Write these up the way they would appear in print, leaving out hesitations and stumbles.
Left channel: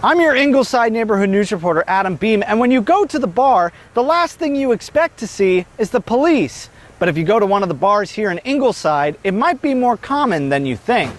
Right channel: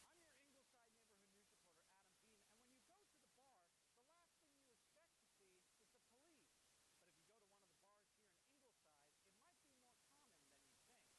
I'm your Ingleside neighborhood news reporter, Adam Beam, and when you go to the bar, the last thing you expect to see is the police. But if you go to one of the bars here in Ingleside, it might be more common than you think.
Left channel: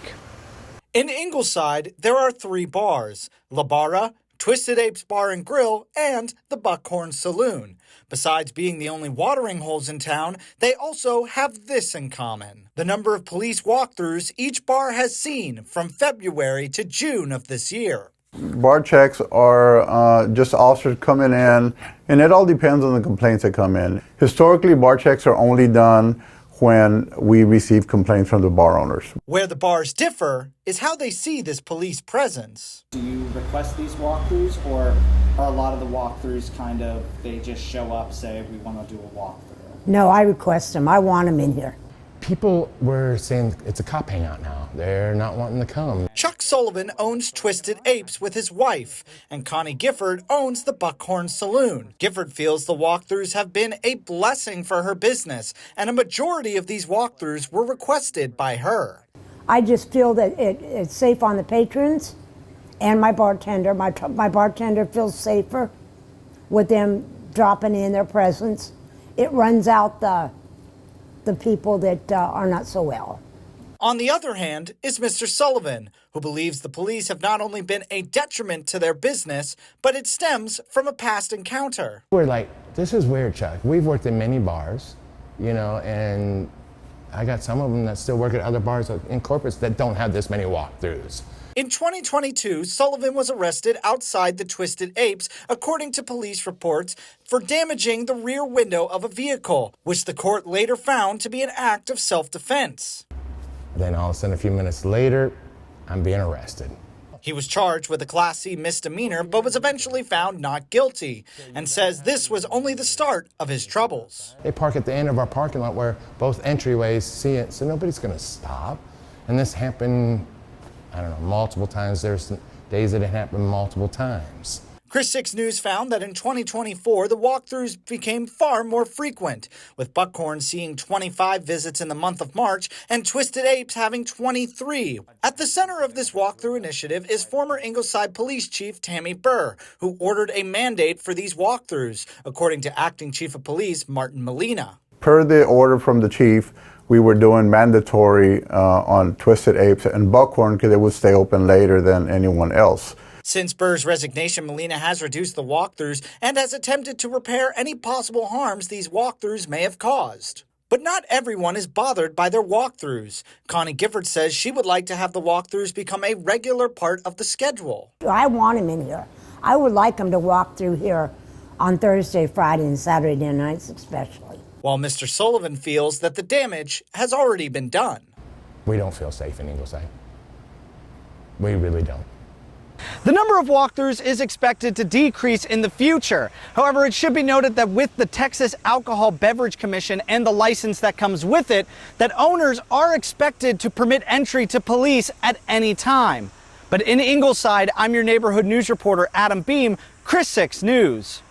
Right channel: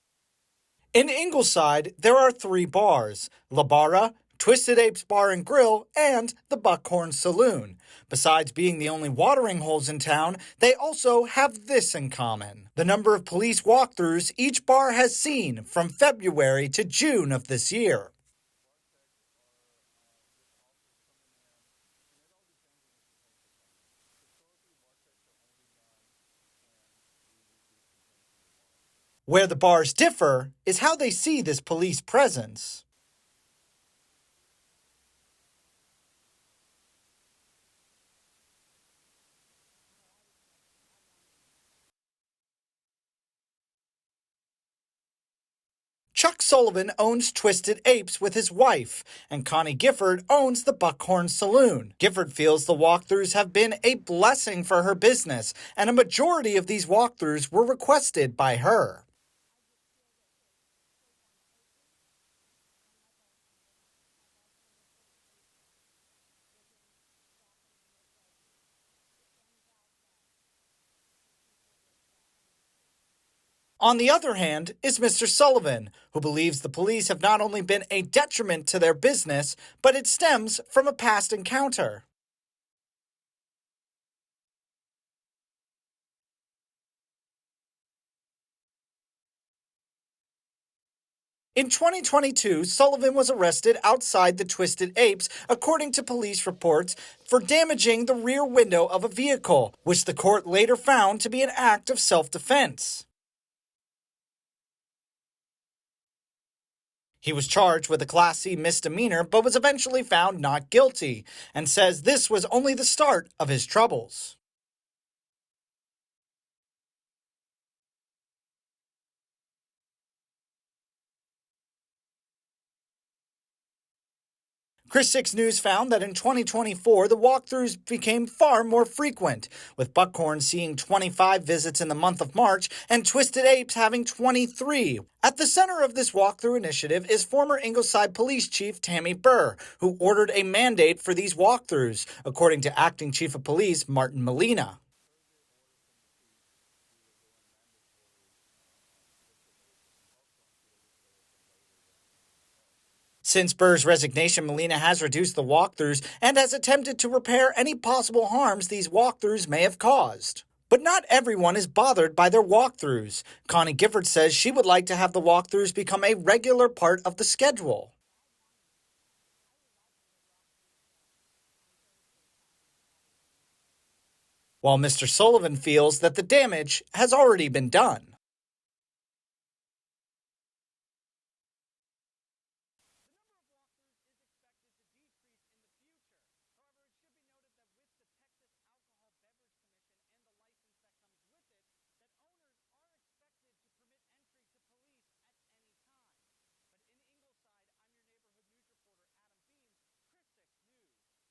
In Ingleside, there are 3 bars: La Barra, Twisted Apes Bar and Grill, and the Buckhorn Saloon. Besides being the only watering holes in town, they also have this in common: the number of police walkthroughs each bar has seen from February to June of this year. Bar checks are just officers coming in, and it all depends on the complaints that come in. Historically, bar checks are only done when we receive complaints from the bar owners. Where the bars differ is how they see this police presence. Do you request these walkthroughs, or are a lot of the walkthroughs kind of, they just show up, say, we want to do a walkthrough? No, I request them. I want them in here. People were saying it's a cop hangout now. They're not wanting to come. Chuck Sullivan owns Twisted Apes with his wife, and Connie Gifford owns the Buckhorn Saloon. Gifford feels the walkthroughs have been a blessing for her business, and a majority of these walkthroughs were requested by her. I just feel that it's safe on the patrons and my bartender. My bartender feels safer with them dropping in their presence. It runs out the people that are not so well. On the other hand is Mr. Sullivan, who believes the police have not only been a detriment to their business, but it stems from a past encounter. We're like, this is weird, Chuck. We've worked in many bars, you know, and I got some of them that still work at other bars in Corpus that don't have this many walkthroughs. In 2022, Sullivan was arrested outside the Twisted Apes, according to police reports, for damaging the rear window of a vehicle, which the court later found to be an act of self-defense. Then all of a sudden, a few minutes later, I'm being arrested. He was charged with a Class C misdemeanor, but was eventually found not guilty, and says this was only the start of his troubles. They park at the end of our parking lot where both entryways see it, so nobody's going to stop. And this happened, I don't know, multiple times. There's days that it happened multiple times. KRIS 6 News found that in 2024, the walkthroughs became far more frequent, with Buckhorn seeing 25 visits in the month of March and Twisted Apes having 23. At the center of this walkthrough initiative is former Ingleside Police Chief Tammy Burr, who ordered a mandate for these walkthroughs, according to Acting Chief of Police Martin Molina. Per the order from the chief, we were doing mandatory on Twisted Apes and Buckhorn because it would stay open later than anyone else. Since Burr's resignation, Molina has reduced the walkthroughs and has attempted to repair any possible harms these walkthroughs may have caused. But not everyone is bothered by their walkthroughs. Connie Gifford says she would like to have the walkthroughs become a regular part of the schedule. I want them in here. I would like them to walk through here on Thursday, Friday, and Saturday nights especially. While Mr. Sullivan feels that the damage has already been done. We don't feel safe in Ingleside. We really don't. The number of walkthroughs is expected to decrease in the future. However, it should be noted that with the Texas Alcohol Beverage Commission and the license that comes with it, that owners are expected to permit entry to police at any time. But in Ingleside, I'm your neighborhood news reporter, Adam Beam, KRIS 6 News.